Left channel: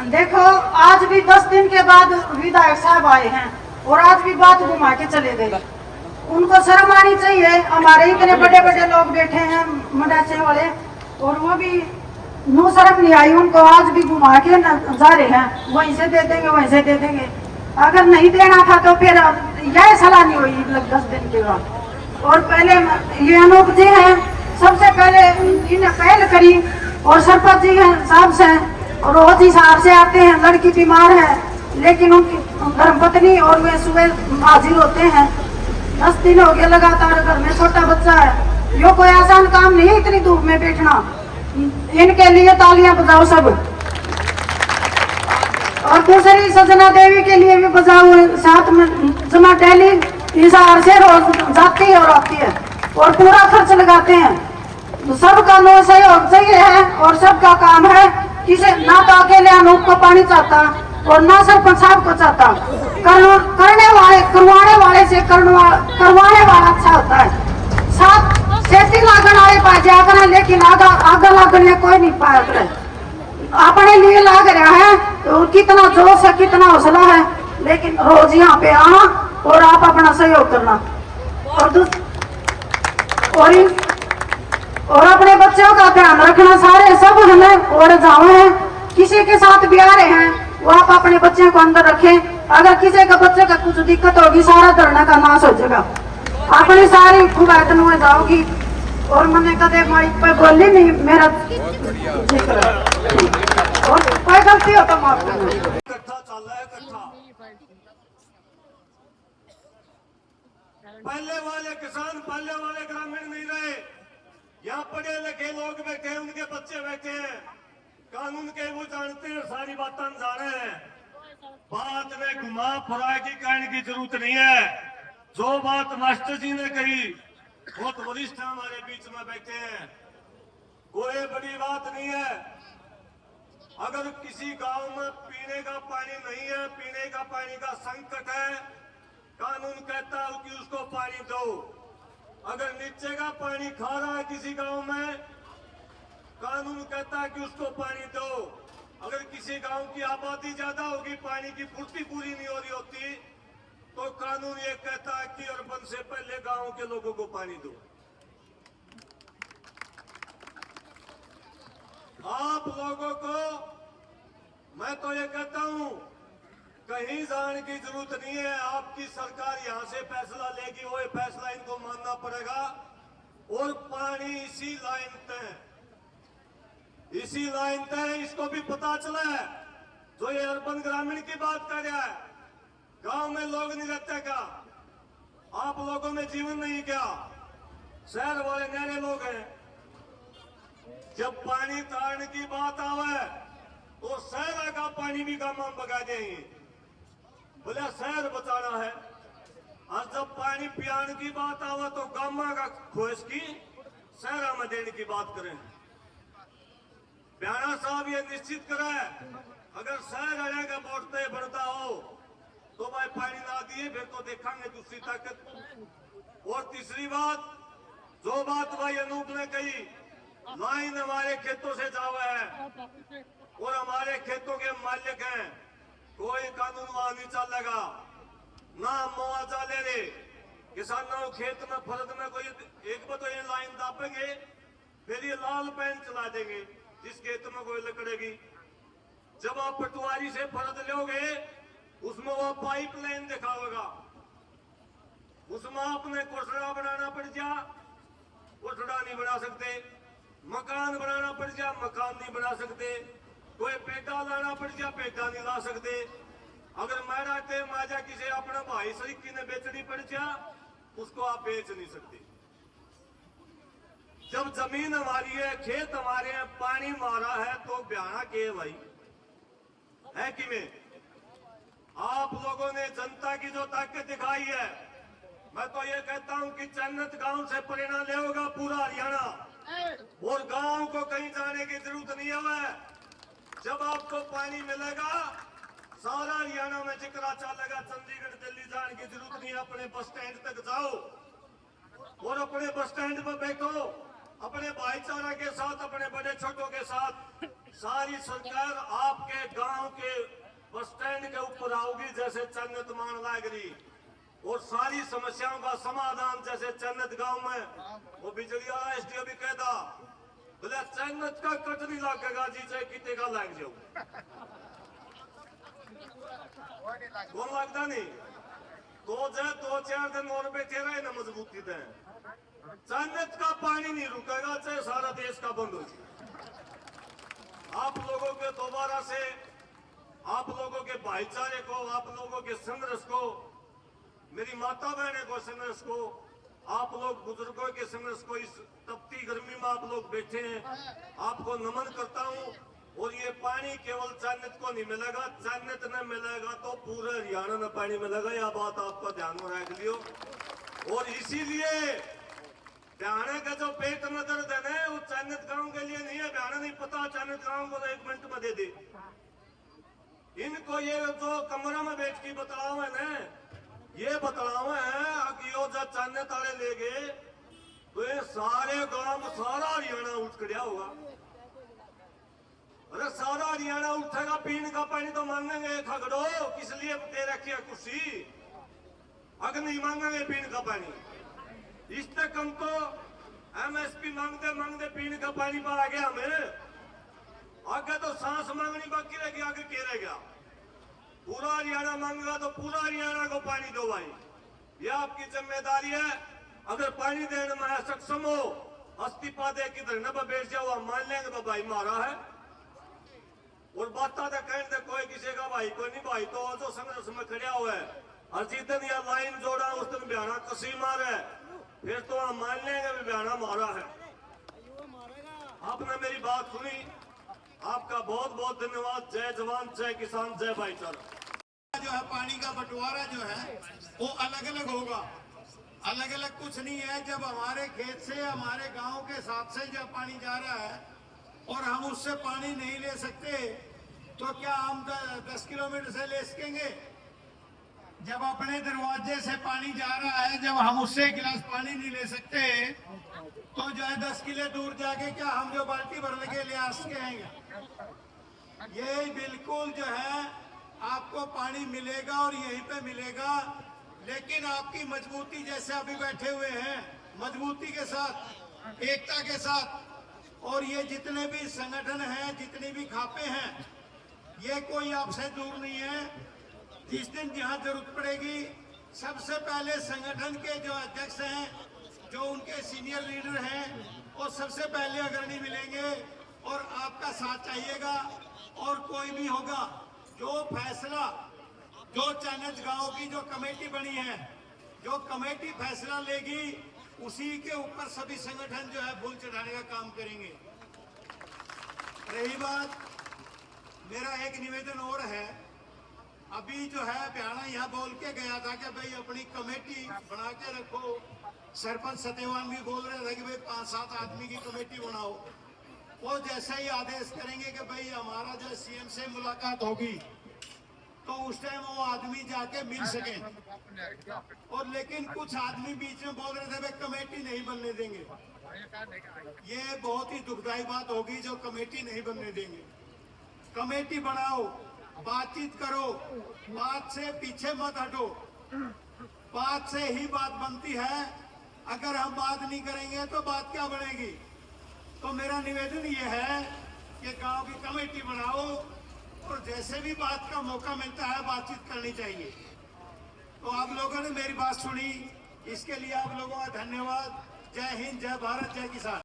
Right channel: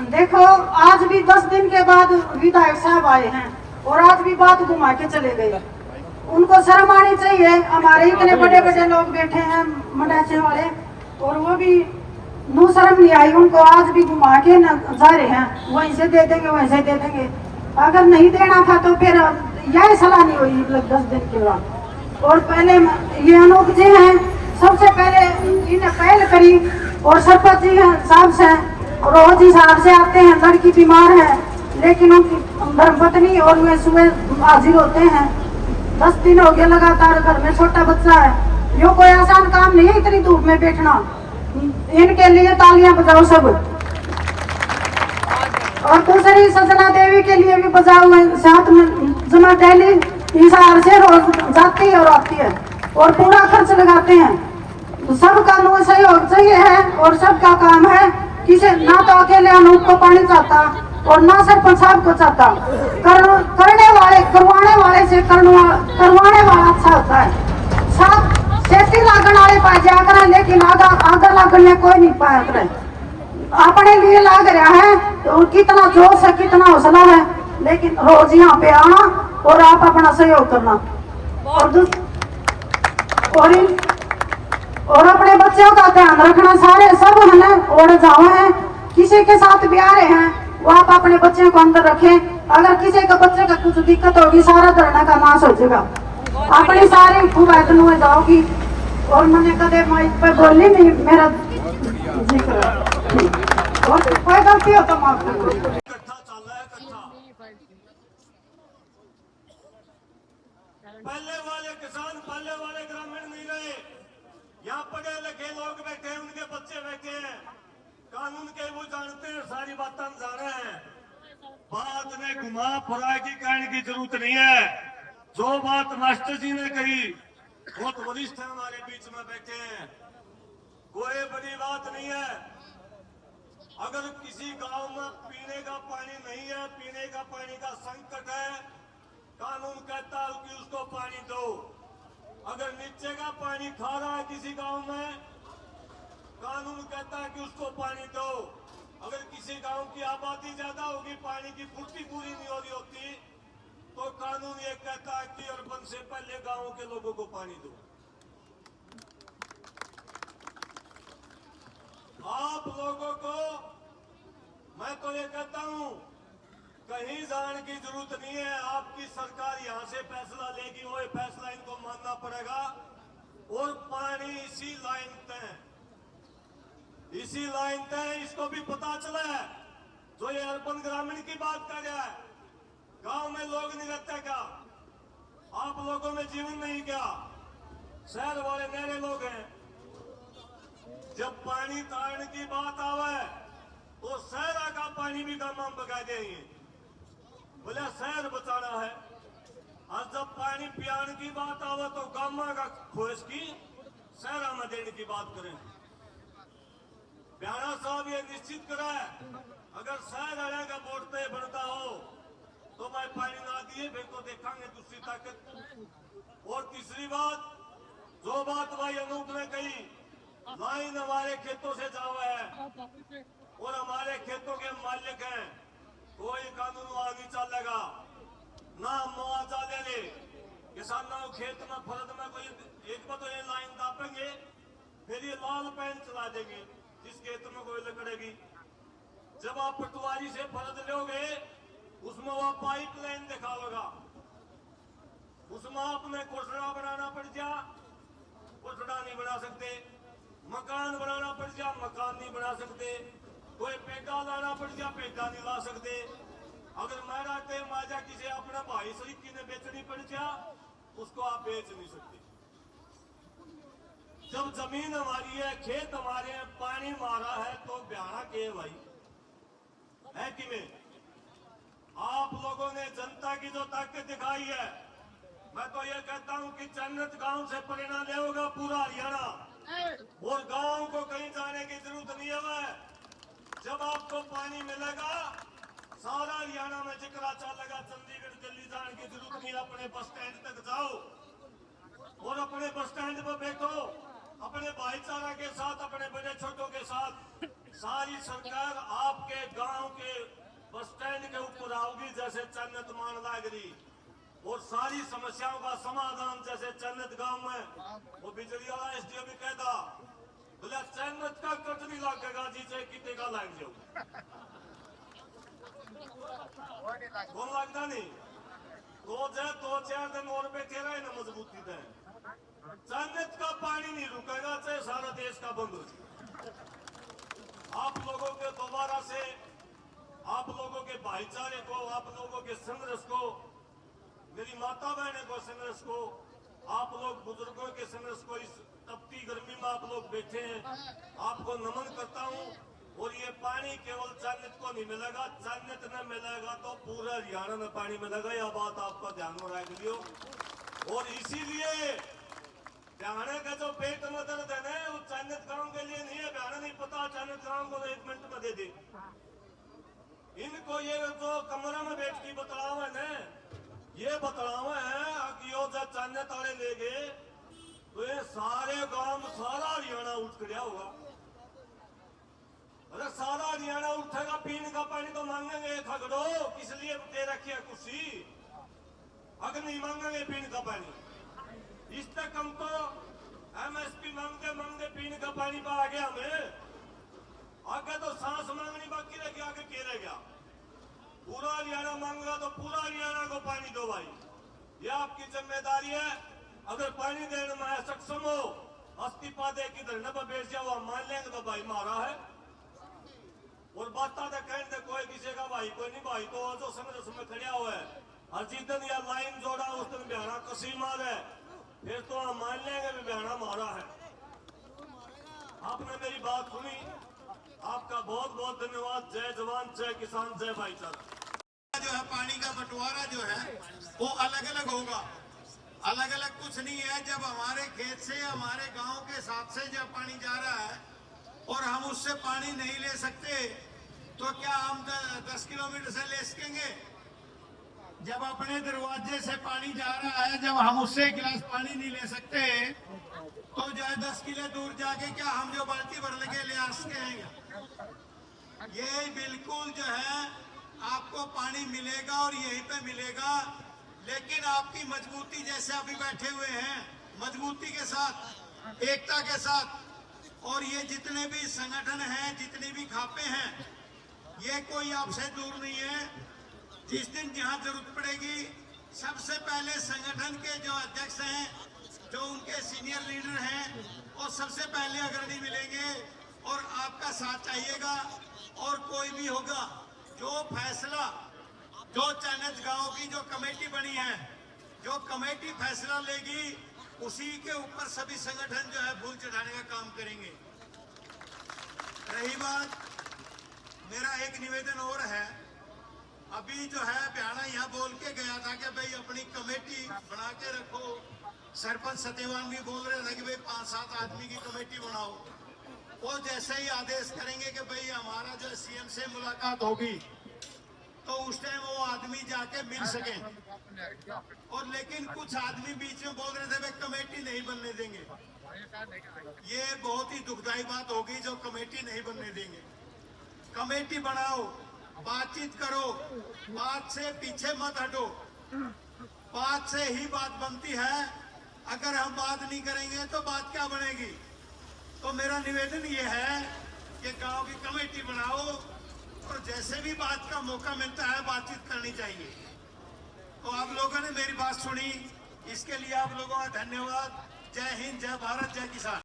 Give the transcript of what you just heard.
देखो आज भी 10 दिन के बाद विधायक साहब आए हैं और आज भी बात घुमा के चले गए। उनको शर्म आनी चाहिए। हमारे इतने बड़े बड़े लोग बैठे हैं मंडाचे वाले और वो भी नू शर्म नहीं आई उनको। आज भी घुमा के जा रहे हैं, वहीं से दे देंगे वहीं से दे देंगे। अगर नहीं देना था तो फिर यह सलाह नहीं हुई 10 दिन के बाद। और पहले ये अनूप जी हैं, सबसे पहले इन्हें पहल करी और सरपंच जी साहब से रोज हिसाब से आते हैं। लड़की बीमार है लेकिन उनकी धर्मपत्नी और वे सुबह हाजिर होते हैं। 10 दिन हो गए लगातार, घर में छोटा बच्चा है। यो कोई आसान काम नहीं है इतनी धूप में बैठना। इनके लिए तालियां बजाओ सब। और दूसरी सजना देवी के लिए भी बजाओ। साथ में जना डेली हिसार से रोज जाती है और आती है और पूरा खर्च लगाते हैं। सबका नो सहयोग चाहिए है और सबका काम है। किसे ना तो अकेले अनूप को पानी चाहता और ना सरपंच साहब को चाहता। करने वाले करवाने वाले से करवाने वाला अच्छा होता है। साथ सेफ्टी लागण वाले पास जाया करें लेकिन आगा लगने कोई नहीं पाया करे। अपने लिए लाग रहा है तो कितना जोश है कितना हौसला है। लेकिन रोज यहाँ पे आना और आप अपना सहयोग करना और अपने बच्चों का ध्यान रखना। सारे सब हमें और जावे हैं, किसी के साथ भी आ रहे हैं वो आप अपने बच्चे को अंदर रखें। अगर किसी का बच्चे का कुछ दिक्कत होगी सारा धरना का नाश हो जाएगा। अपनी सारी फुगायतन हो जाओगी। और मैंने कदे माइक पे बोली नहीं, मेरा जिक्र कोई गलती हो तो माफ करना। पहले वाले किसान पहले वाले ग्रामीण नहीं रहे। यहाँ पढ़े लिखे लोग बैठे हैं, उनके बच्चे बैठे हैं, कानून के वो जानते हैं, सारी बातें जाने हैं। बात में घुमा फिरा की कहने की जरूरत नहीं है। जो बात मास्टर जी ने कही, बहुत वरिष्ठ हमारे बीच में बैठे हैं, कोई बड़ी बात नहीं है। अगर किसी गांव में पीने का पानी नहीं है, पीने का पानी का संकट है, कानून कहता है कि उसको पानी दो। अगर नीचे का पानी खा रहा है किसी गांव में, कानून कहता है कि उसको पानी दो। अगर किसी गांव की आबादी ज्यादा होगी, पानी की पूर्ति पूरी नहीं हो रही होती, तो कानून ये कहता है कि अर्बन से पहले गांव के लोगों को पानी दो। आप लोगों को मैं तो ये कहता हूं, कहीं जाने की जरूरत नहीं है। आपकी सरकार यहां से फैसला लेगी, वो फैसला इनको मानना पड़ेगा। और पानी इसी लाइन तय, इसी लाइन तय, इसको भी पता चला है। जो ये अर्बन ग्रामीण की बात कर रहा है, गांव में लोग नहीं रहते क्या? आप लोगों में जीवन नहीं क्या? शहर वाले नहरे लोग हैं। जब पानी तारने की बात आवे तो शहर का पानी भी गांव में बगा देंगे, बोले शहर बचाना है। और जब पानी पियाने की बात आवे तो गांव का खोज की शहर में देने की बात करें। प्यारा साहब ये निश्चित करें, अगर शहर आने का बोलते बढ़ता हो तो भाई पानी ना दिए फिर तो देखेंगे दूसरी ताकत। और तीसरी बात, जो बात भाई अनूप ने कही, लाइन हमारे खेतों से जावा है और हमारे खेतों के मालिक हैं, कोई कानून वहां नहीं चलेगा, ना मुआवजा देने। किसानों खेत में फर्द में कोई एक बार तो ये लाइन दापेंगे, फिर ये लाल पेन चला देंगे जिस खेत में कोई लकड़ेगी। जब आप पटवारी से फर्द लोगे, उसमें वो पाइप लाइन दिखाओगा, उसमें आपने कोठड़ा बनाना पड़ जा, कोठड़ा नहीं बना सकते। मकान बनाना पड़ जा, मकान नहीं बना सकते। कोई पेटा लाना पड़ जा, पेटा नहीं ला सकते। अगर मेरा टेम आ जा किसी अपने भाई सरीकी ने बेचनी पड़ जा, उसको आप बेच नहीं सकते। जब जमीन हमारी है, खेत हमारे हैं, पानी मारा है, तो ब्याना के भाई है कि में? आप लोगों ने जनता की जो ताकत दिखाई है, मैं तो ये कहता हूं कि चन्नत गांव से प्रेरणा ले होगा पूरा हरियाणा, और गांव को कहीं जाने की जरूरत नहीं है। जब आपको पानी मिलेगा, सारा हरियाणा में जिक्र चलेगा। चंडीगढ़ दिल्ली जाने की जरूरत नहीं, अपने बस स्टैंड तक जाओ और अपने बस स्टैंड पर बैठो अपने भाईचारा के साथ, अपने बड़े छोटों के साथ सारी सरकार आपके गांव के बस स्टैंड के ऊपर आओगी, जैसे चन्नत मान लागरी, और सारी समस्याओं का समाधान जैसे चन्नत गांव में वो बिजली वाला एसडीओ भी कहता बोले चन्नत का कट नहीं लगेगा जी, चाहे कितने का लग जाओ, कौन लगता नहीं दो चार दिन और बैठे रहे ना मजबूती दे, चन्नत का पानी नहीं रुकेगा चाहे सारा देश का बंद हो जाए। आप लोगों के दोबारा से, आप लोगों के भाईचारे को, आप लोगों के संघर्ष को, मेरी माता बहने को संघर्ष को, आप लोग बुजुर्गों के संघर्ष को, इस तपती गर्मी में आप लोग बैठे हैं, आपको नमन करता हूं। और ये पानी केवल चन्नत को नहीं मिलेगा, चन्नत न मिलेगा तो पूरा हरियाणा में पानी मिलेगा, यह बात आपका ध्यान में रख लियो। और इसीलिए हरियाणा का जो पेट में दर्द है ना, वो चन्नत गांव के लिए नहीं है, हरियाणा नहीं पता चन्नत गांव को 1 मिनट में दे दे। इनको ये जो कमरा में बैठ के बताओ है ना, ये बताओ है कि यो जब चन्नत वाले ले गए तो ये सारे गांव में सारा हरियाणा उठ खड़ा होगा। अरे सारा हरियाणा उठेगा, पीने का पानी तो मांगेंगे, खगड़ो किस लिए दे रखी है कुर्सी, अगर नहीं मांगेंगे पीने का पानी, इस तक हम तो एमएसपी मांगते मांगते पीने का पानी पर आ गया हमें, आगे तो सांस मांगनी बाकी रह गया, आगे क्या रह गया, पूरा हरियाणा मांगेगा तो पूरा हरियाणा को पानी दो भाई, ये आपकी जिम्मेदारी है। अगर पानी देने में सक्षम हो, इस्तीफा दे के धरने पर बैठ जाओ, हम मान लेंगे तो भाई मारा है, और बात तो कहने दे कोई किसी का भाई कोई नहीं, भाई तो जो संघर्ष में खड़ा हुआ है, और जिस दिन या लाइन जोड़ा उस दिन बयाना कसी मार है, फिर तो हम मान लेंगे भी बयाना मारा है। आपने मेरी बात सुनी, आपका बहुत बहुत धन्यवाद। जय जवान, जय किसान, जय भाईचारा। जो है पानी का बंटवारा जो है वो अलग अलग होगा, अलग अलग कुछ नहीं है। जब हमारे खेत से, हमारे गांव के साथ से जब पानी जा रहा है और हम उससे पानी नहीं ले सकते, तो क्या हम 10 किलोमीटर से ले सकेंगे? जब अपने दरवाजे से पानी जा रहा है, जब हम उससे एक गिलास पानी नहीं ले सकते, तो जो है 10 किले दूर जाके क्या हम जो बाल्टी भर लेके ले आ सकेंगे? ये बिल्कुल जो है आपको पानी मिलेगा और यहीं पे मिलेगा, लेकिन आपकी मजबूती, जैसे अभी बैठे हुए हैं, मजबूती के साथ, एकता के साथ, और ये जितने भी संगठन हैं, जितने भी खापे हैं, ये कोई आपसे दूर नहीं है। जिस दिन जहाँ जरूरत पड़ेगी, सबसे पहले संगठन के जो अध्यक्ष हैं, जो उनके सीनियर लीडर हैं, और सबसे पहले अग्रणी मिलेंगे और आपका साथ चाहिएगा। और कोई भी होगा, जो फैसला, जो चन्नत गांव की जो कमेटी बनी है, जो कमेटी फैसला लेगी, उसी के ऊपर सभी संगठन जो है फूल चढ़ाने का काम करेंगे। रही बात, मेरा एक निवेदन और है। अभी जो है बयाना यहाँ बोल के गया था कि भाई अपनी कमेटी बना के रखो। सरपंच सत्यवान भी बोल रहे थे कि भाई 5-7 आदमी की कमेटी बनाओ। वो जैसे ही आदेश करेंगे कि भाई हमारा जो सीएम से मुलाकात होगी, तो उस टाइम वो आदमी जाके मिल सके। और लेकिन कुछ आदमी बीच में बोल रहे थे भाई कमेटी नहीं बनने देंगे। ये बहुत ही दुखदायी बात होगी जो कमेटी नहीं बनने देंगे। कमेटी बनाओ, बातचीत करो, बात से पीछे मत हटो, बात से ही बात बनती है। अगर हम बात नहीं करेंगे तो बात क्या बनेगी? तो मेरा निवेदन ये है कि गांव की कमेटी बनाओ, और जैसे भी बात का मौका मिलता है बातचीत करनी चाहिए। तो आप लोगों ने मेरी बात सुनी, इसके लिए आप लोगों का धन्यवाद। जय हिंद, जय भारत, जय किसान।